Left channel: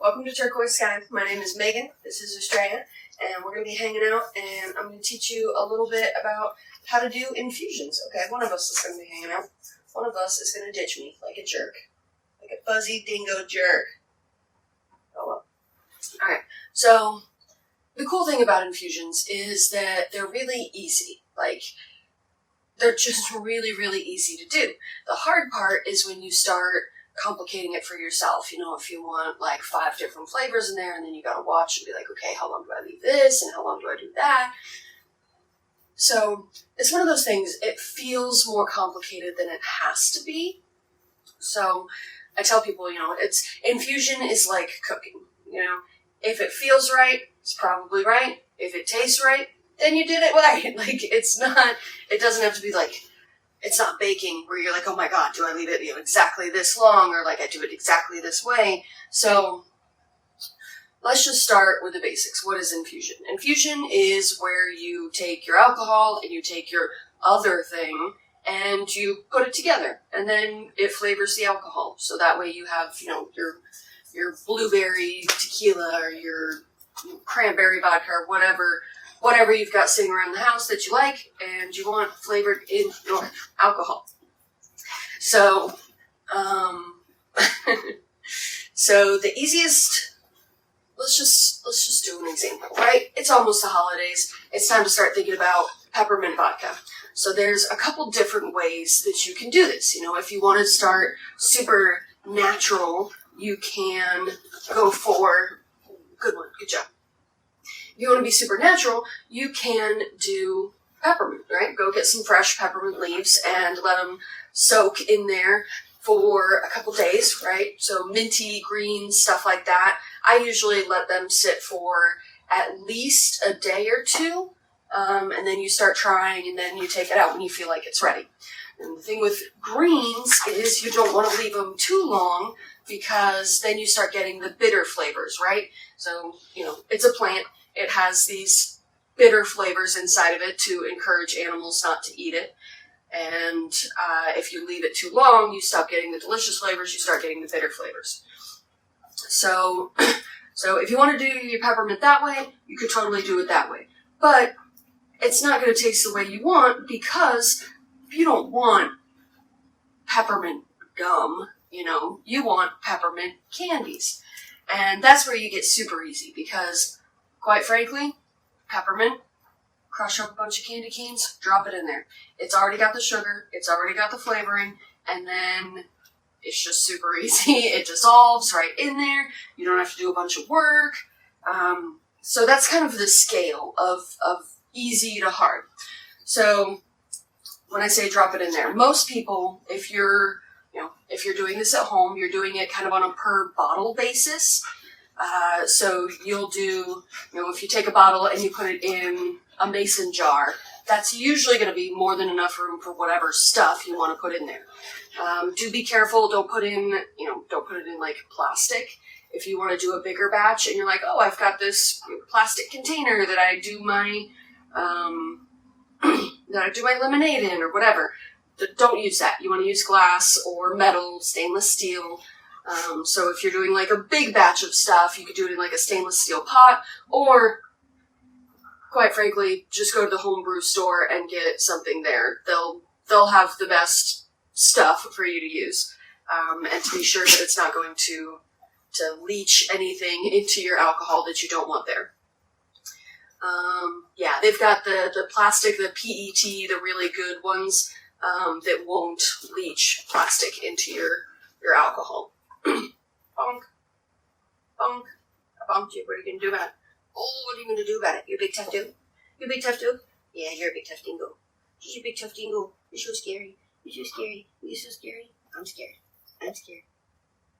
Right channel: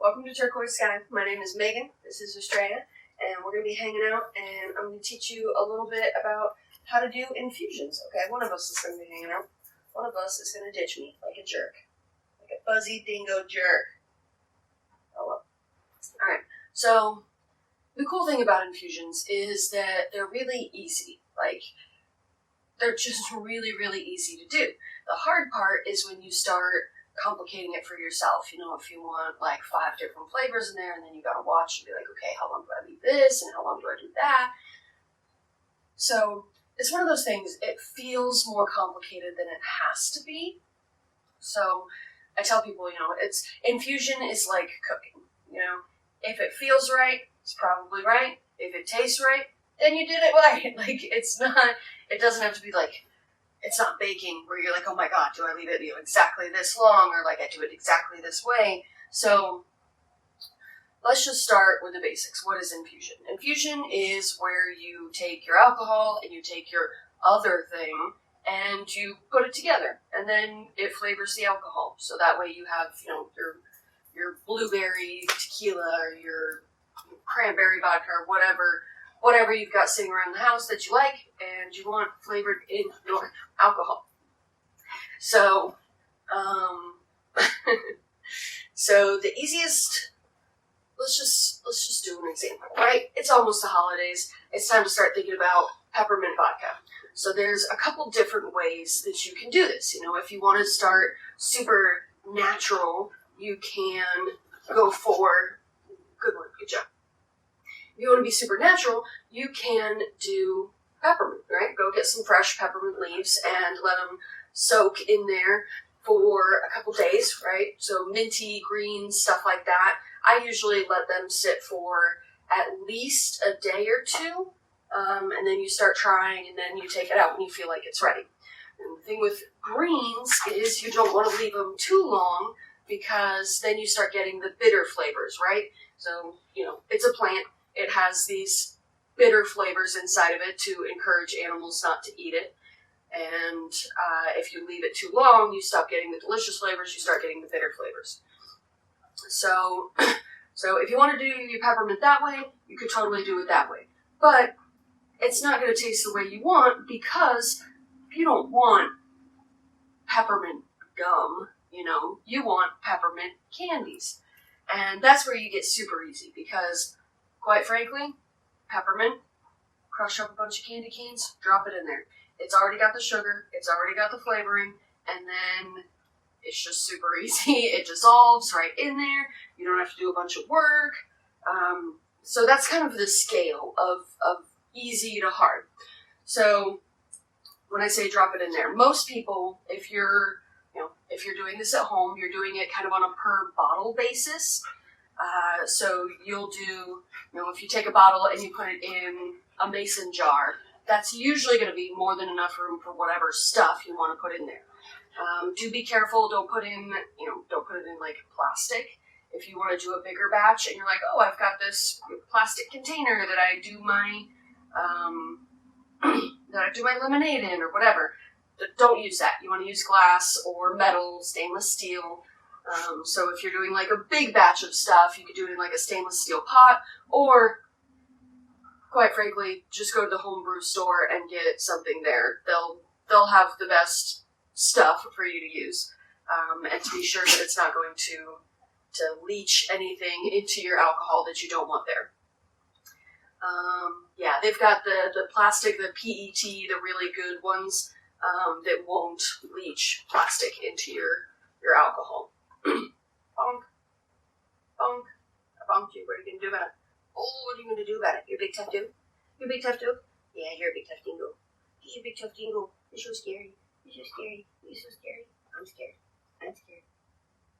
Welcome to Turquoise Sky. My name is Megan. This is Estrella, and we're going to be hanging out, and I'm going to teach you a little bit about how to do infusions. Okay, one of us is going to be hanging out. One of us is going to ditch me like a jerk. Like a fuzzy dingo jerk. Oh well. Alright, so the cool thing about infusions is that they're really easy. Like, they're just really, really easy to do. The hard part is when you start complicating it for yourself. You know, if you want like 5 different flavors in there, and then you gotta watch and be like, okay, how long do I leave this and how long do I do that? So it's one of those things, it feels more complicated than it has to be. So I tell people, you know, infusion is like cooking. You know, if it feels right, it's probably right. If it tastes right, then you did it right. Like, it doesn't have to be like, it's not baking where you're like, oh my God, do I leave it, exactly this long, or like I do it exactly this way? So let's just start with the basics. What is infusion? Infusion is where you take your alcohol and you take your other thing and you put it together, and then it flavors the alcohol. So that way you have, you know, your blueberry tequila or your cranberry vodka or whatever you've got sitting around the house that you like and you want flavored in your alcohol. So, so the easiest, let's just do an example, right? It's almost the holidays. It's time to start thinking about peppermint vodka. So there's a couple different ways that you can do this. You know, if you want to start super natural, you can go for, good one, good job. If you want to be super natural, you can do peppermint, right? Go get some fresh peppermint leaves and let them soak in there for a couple days, right? So minty, green, stuff like that. I usually let them sit for at least a day or two, and then you start trying, and then you take it out when you feel like it's ready. And the thing with greens is you don't want to leave them too long, because then you start getting the bitter flavors, right? So, you know, it's a plant. It has these bitter flavors inside of it to encourage animals not to eat it. And if you leave it too long, you stop getting the delicious flavors, you start getting the bitter flavors. So if you want to do your peppermint that way, you could totally do it that way. But it's not going to taste the way you want, because you don't want peppermint gum, you know, you want peppermint candies. And that's where you get super easy, because quite frankly, peppermint, crush up a bunch of candy canes, drop it in there. It's already got the sugar, it's already got the flavoring, and then it's just super easy. It dissolves right in there. You don't have to do a bunch of work. So that's kind of the scale of easy to hard. So when I say drop it in there, most people, if you're doing this at home, you're doing it kind of on a per bottle basis. So you'll do, if you take a bottle and you put it in a mason jar, that's usually going to be more than enough room for whatever stuff you want to put in there. Do be careful. Don't put it in like plastic. If you want to do a bigger batch and you're like, oh, I've got this plastic container that I do my lemonade in or whatever, don't use that. You want to use glass or metal, stainless steel. So if you're doing like a big batch of stuff, you could do it in like a stainless steel pot, or quite frankly, just go to the homebrew store and get something there. They'll have the best stuff for you to use, and to be sure that it's not going to leach anything into your alcohol that you don't want there. Yeah, they've got the plastic, the PET, the really good ones, that won't leach plastic into your alcohol. Bonk. Bonk. I bonked you. What are you going to do about it? Oh, what are you going to do about it? You big tough dude? You big tough dude? Yeah, you're a big tough dingo. You're a big tough dingo. You're so scary. You're so scary. You're so scary. I'm scared. I'm scared.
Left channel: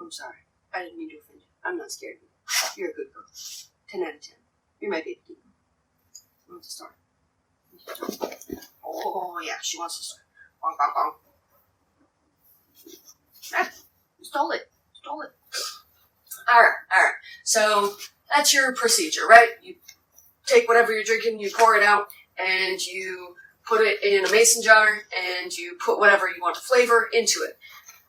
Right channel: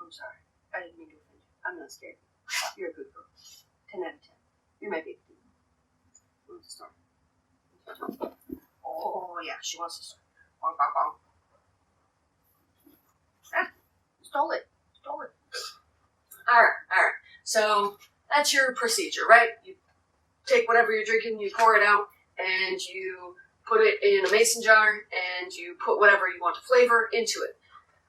I'm sorry. I didn't mean to offend you. I'm not scared of you. You're a good girl. 10 out of 10. You're my big dingo. Wants to start. Oh, yeah, she wants to start. Bonk, bonk, bonk. Ah, you stole it. All right. So that's your procedure, right? You take whatever you're drinking, you pour it out, and you put it in a mason jar, and you put whatever you want to flavor into it.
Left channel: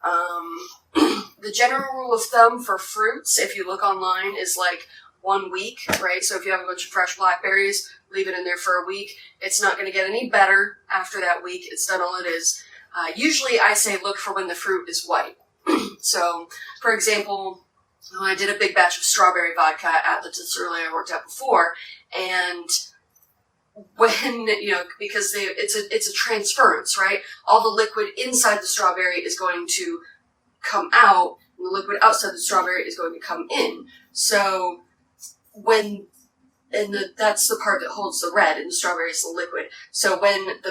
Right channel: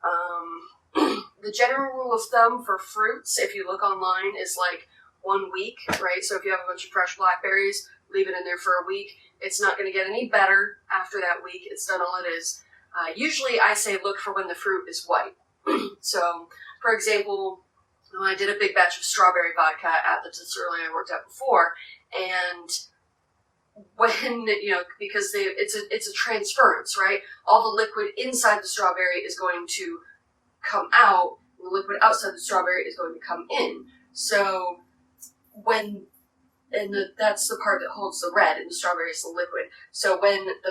The general rule of thumb for fruits, if you look online, is like 1 week, right? So if you have a bunch of fresh blackberries, leave it in there for a week. It's not going to get any better after that week. It's done all it is. Usually I say look for when the fruit is white. So, for example, I did a big batch of strawberry vodka at the distillery I worked at before, and when, because it's a transference, right? All the liquid inside the strawberry is going to come out, and the liquid outside the strawberry is going to come in. So that's the part that holds the red, and the strawberry is the liquid. So when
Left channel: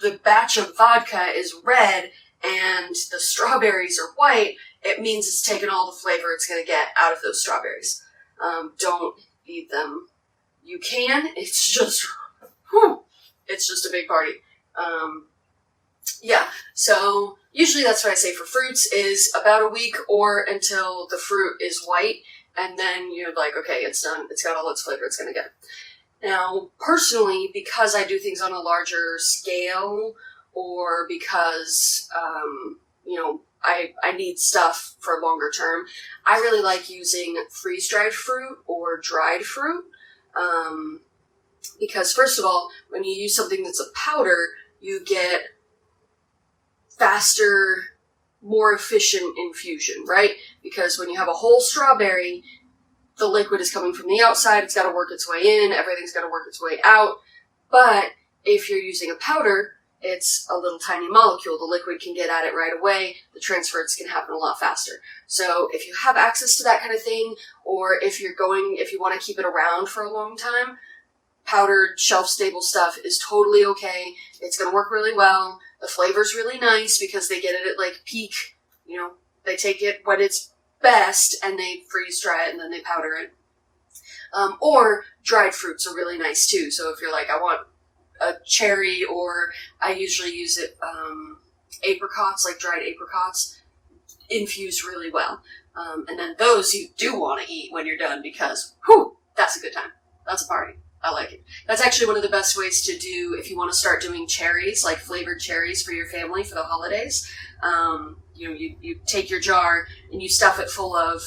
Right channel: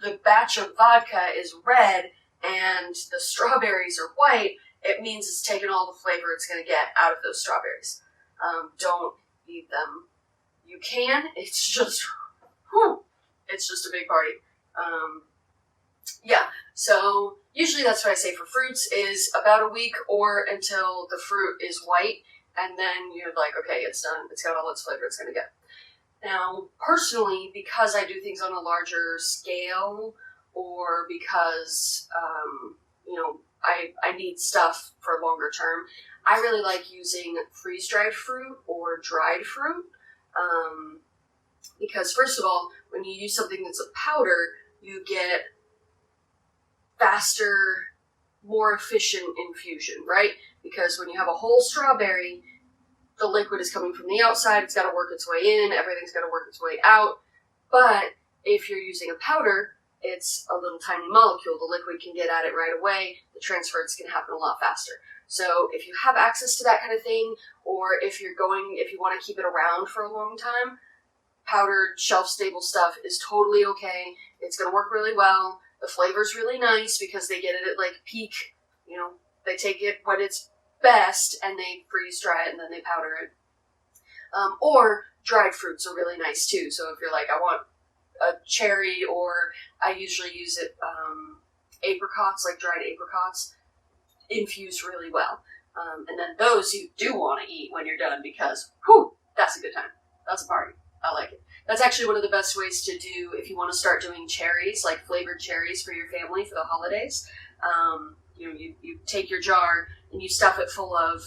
the batch of vodka is red and the strawberries are white, it means it's taken all the flavor it's going to get out of those strawberries. Don't eat them. You can. It's just a big party. So usually that's what I say for fruits is about a week or until the fruit is white, and then you're like, okay, it's done. It's got all its flavor it's going to get. Now, personally, because I do things on a larger scale, or because, I need stuff for longer term, I really like using freeze-dried fruit or dried fruit. Because first of all, when you use something that's a powder, you get faster, more efficient infusion, right? Because when you have a whole strawberry, the liquid is coming from the outside, it's got to work its way in, everything's got to work its way out. But if you're using a powder, it's a little tiny molecule. The liquid can get at it right away. The transference can happen a lot faster. So if you have access to that kind of thing, or if you want to keep it around for a long time, powdered, shelf-stable stuff is totally okay. It's going to work really well. The flavor's really nice because they get it at like peak, they take it when it's best and they freeze dry it and then they powder it. Or dried fruits are really nice too. So if you're like, I want a cherry, or I usually use it, apricots, like dried apricots, infuse really well. And then those you do want to eat when you're done because, that's a good time. That's a party. I like it. That's actually one of the best ways to do if you want to start doing cherries, like flavored cherries for your family for the holidays. You take your jar and you stuff it full of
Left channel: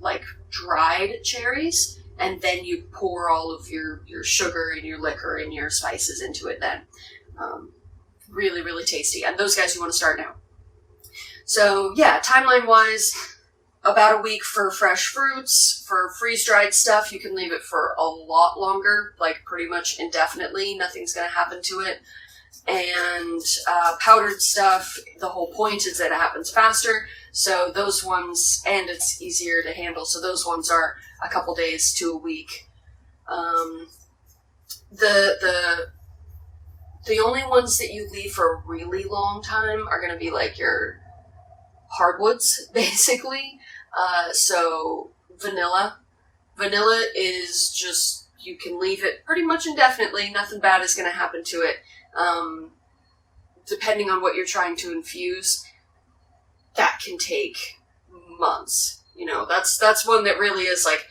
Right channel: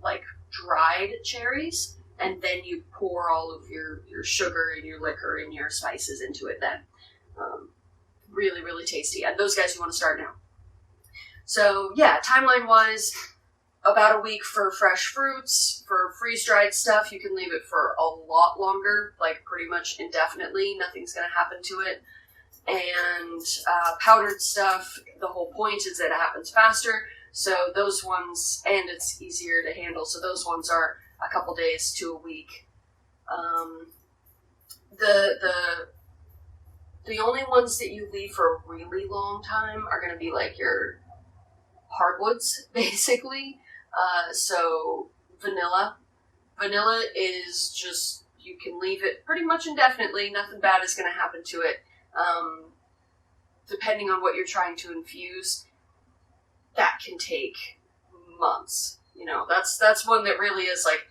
like dried cherries, and then you pour all of your sugar and your liquor and your spices into it then. Really, really tasty. And those guys you want to start now. So yeah, timeline-wise, about a week for fresh fruits. For freeze-dried stuff, you can leave it for a lot longer, like pretty much indefinitely. Nothing's going to happen to it. And powdered stuff, the whole point is that it happens faster. So those ones, and it's easier to handle. So those ones are a couple days to a week. The only ones that you leave for a really long time are going to be like your hardwoods, basically. So vanilla. Vanilla is just, you can leave it pretty much indefinitely. Nothing bad is going to happen to it. Depending on what you're trying to infuse, that can take months. That's one that really is like,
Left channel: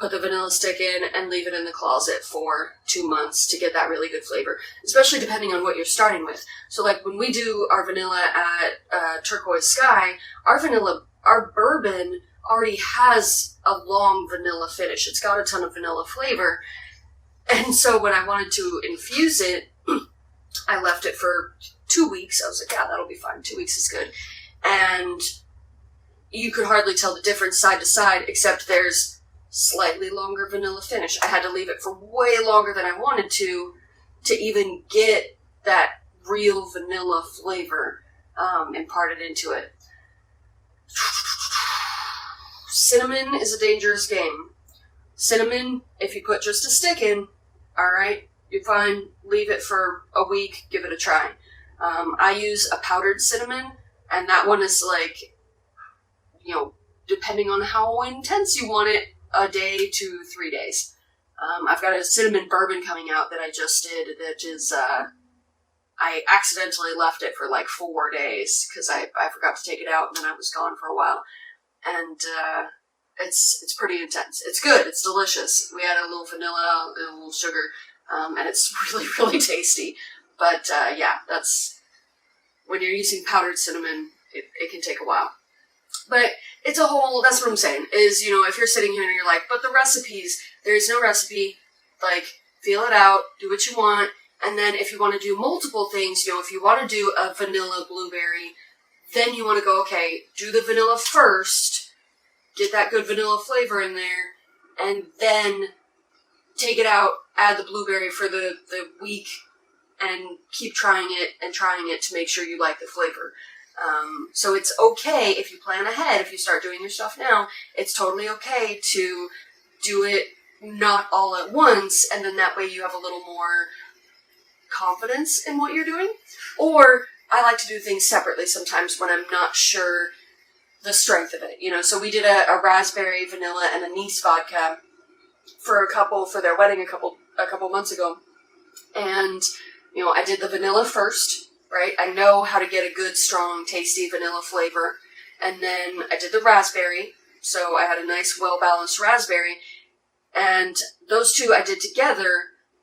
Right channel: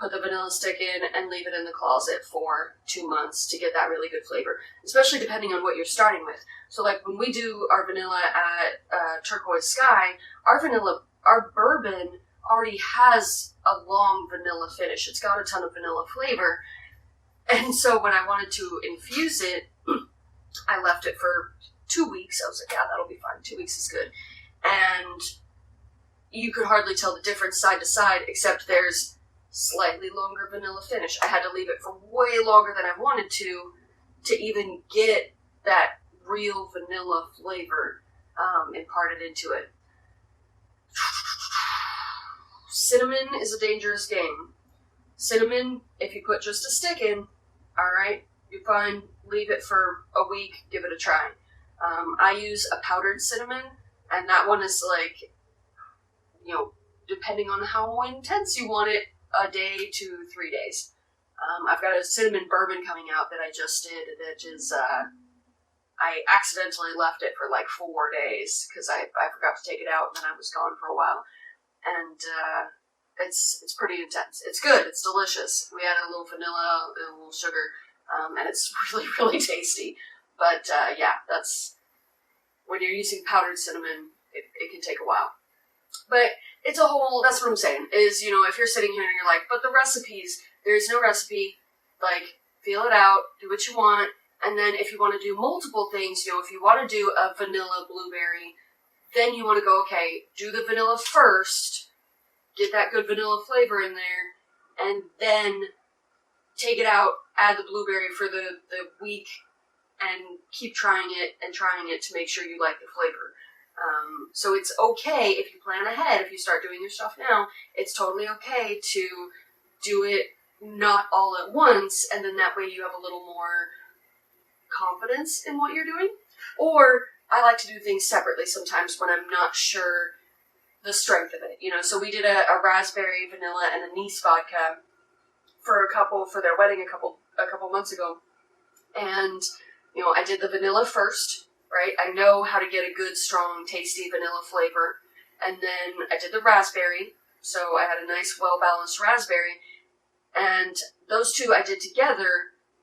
put the vanilla stick in and leave it in the closet for 2 months to get that really good flavor, especially depending on what you're starting with. So like when we do our vanilla at Turquoise Sky, our bourbon already has a long vanilla finish. It's got a ton of vanilla flavor. And so when I wanted to infuse it, I left it for 2 weeks. I was like, yeah, that'll be fine. 2 weeks is good. And you could hardly tell the difference side to side, except there's slightly longer vanilla finish. I had to leave it for way longer than I wanted to even get that real vanilla flavor imparted into it. Cinnamon is a dangerous game. Cinnamon, if you put just a stick in, alright, you're fine. Leave it for a week, give it a try. I use a powdered cinnamon, and that one is like, depending on how intense you want it, a day to 3 days. I've got a cinnamon bourbon coming out that I just did that is, I accidentally left it for like 4 days because I forgot to take it out and then I was gone for a while. And it's pretty intense. It's good. It's delicious. We add a little vanilla, a little sugar, and it's really, really tasty. But yeah, that's when you're using powdered cinnamon, it can take a while. But it's a whole, that's what I'm saying, is, you know, if you're sitting here and you're like, but the recipes, there's no recipe, like, feel it out, do what you want, and then if you want to do multiple things, you know, if you want to do a vanilla blueberry, then you want to go, okay, do the vanilla first, get that good vanilla flavor in there, and then take it out, add the blueberry for the week, and keep trying it to make sure you like the flavor. So it's okay if you plan ahead, if you start doing your stuff now, it's totally okay to do it not all at once, and then that way you have a little more confidence in what you're doing. Or I like to do things separately sometimes when I'm not sure the strength of it, you know. So we did a raspberry, vanilla, and anise vodka for a couple for their wedding a couple months ago, and you know, I did the vanilla first, right? I know how to get a good, strong, tasty vanilla flavor, and then I did the raspberry, so I had a nice, well-balanced raspberry, and those two I did together,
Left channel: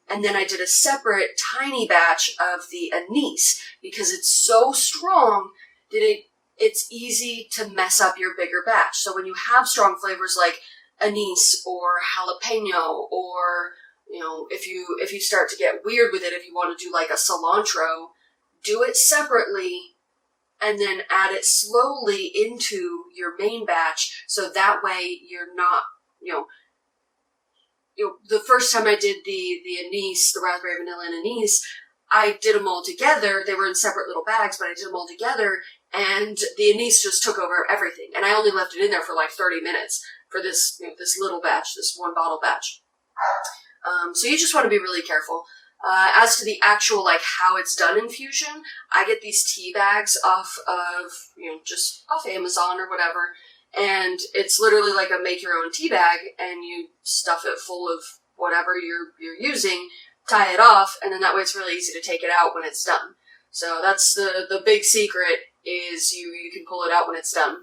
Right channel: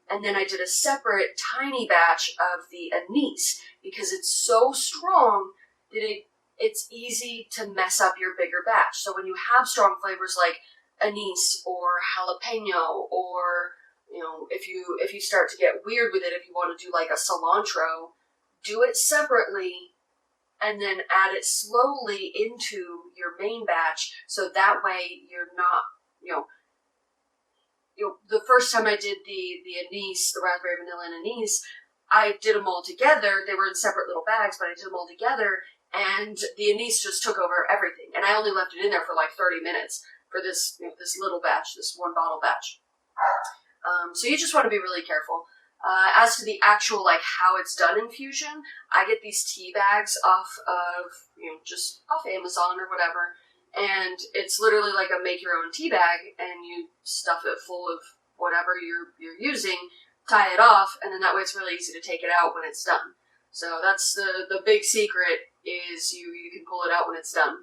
and then I did a separate tiny batch of the anise, because it's so strong that it's easy to mess up your bigger batch. So when you have strong flavors like anise or jalapeno, or, you know, if you start to get weird with it, if you want to do like a cilantro, do it separately and then add it slowly into your main batch, so that way you're not, you know, the first time I did the anise, the raspberry, vanilla, and anise, I did them all together. They were in separate little bags, but I did them all together, and the anise just took over everything. And I only left it in there for like 30 minutes for this, you know, this little batch, this one bottle batch. So you just want to be really careful. As to the actual, like, how it's done infusion, I get these tea bags off of, you know, just off Amazon or whatever. And it's literally like a make your own tea bag, and you stuff it full of whatever you're using, tie it off, and then that way it's really easy to take it out when it's done. So that's the big secret, is you can pull it out when it's done.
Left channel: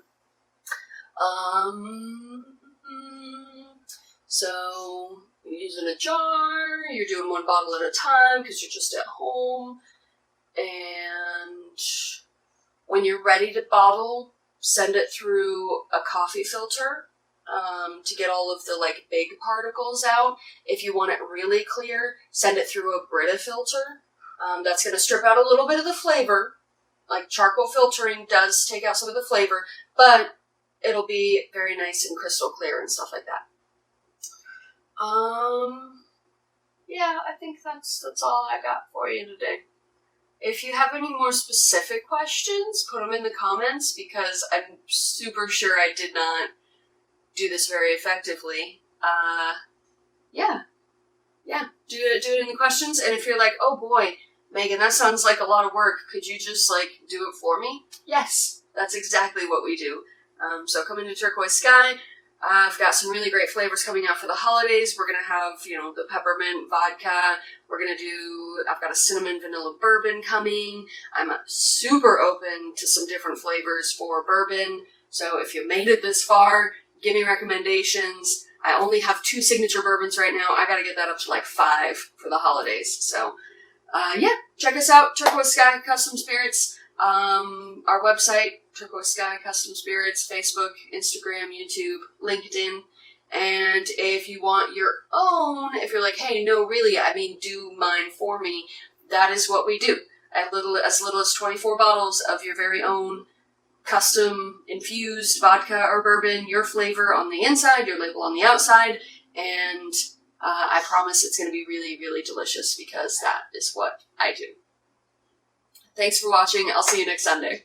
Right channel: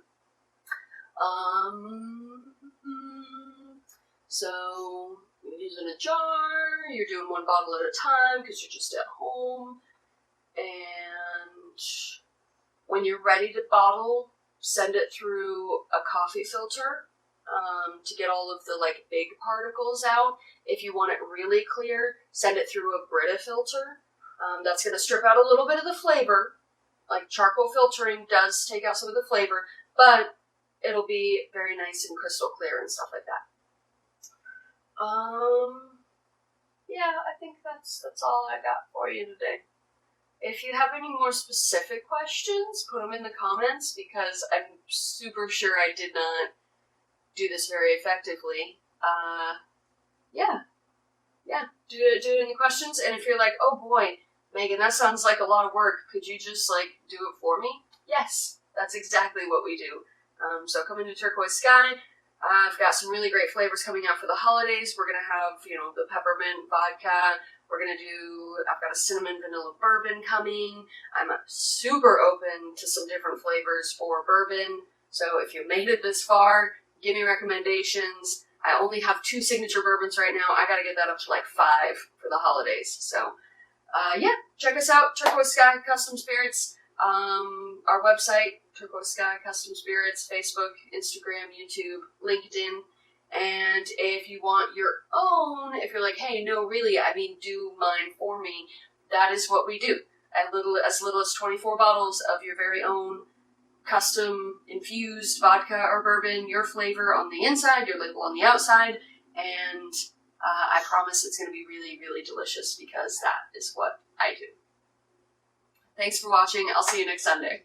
So you're using a jar, you're doing one bottle at a time because you're just at home, and when you're ready to bottle, send it through a coffee filter to get all of the like big particles out. If you want it really clear, send it through a Brita filter. That's going to strip out a little bit of the flavor. Like charcoal filtering does take out some of the flavor, but it'll be very nice and crystal clear and stuff like that. Yeah, I think that's all I got for you today. If you have any more specific questions, put them in the comments, because I'm super sure I did not do this very effectively. Yeah, do it in the questions. And if you're like, oh boy, Megan, that sounds like a lot of work, could you just like do it for me? Yes, that's exactly what we do. So come into Turquoise Sky. I've got some really great flavors coming out for the holidays. We're going to have, you know, the peppermint vodka. I've got a cinnamon vanilla bourbon coming. I'm super open to some different flavors for bourbon. So if you made it this far, give me recommendations. I only have 2 signature bourbons right now. I got to get that up to like 5 for the holidays. So, yeah, check us out. Turquoise Sky Custom Spirits. Our website, Turquoise Sky Custom Spirits, Facebook, Instagram, YouTube, LinkedIn. And if you want your own, if you're like, hey, no, really, I mean, do mine for me, that is what we do. As little as 24 bottles of your very own custom infused vodka or bourbon, your flavor on the inside, your label on the outside, and I promise it's going to be really, really delicious, because that is what I do. Thanks for watching. I'll see you next Sunday.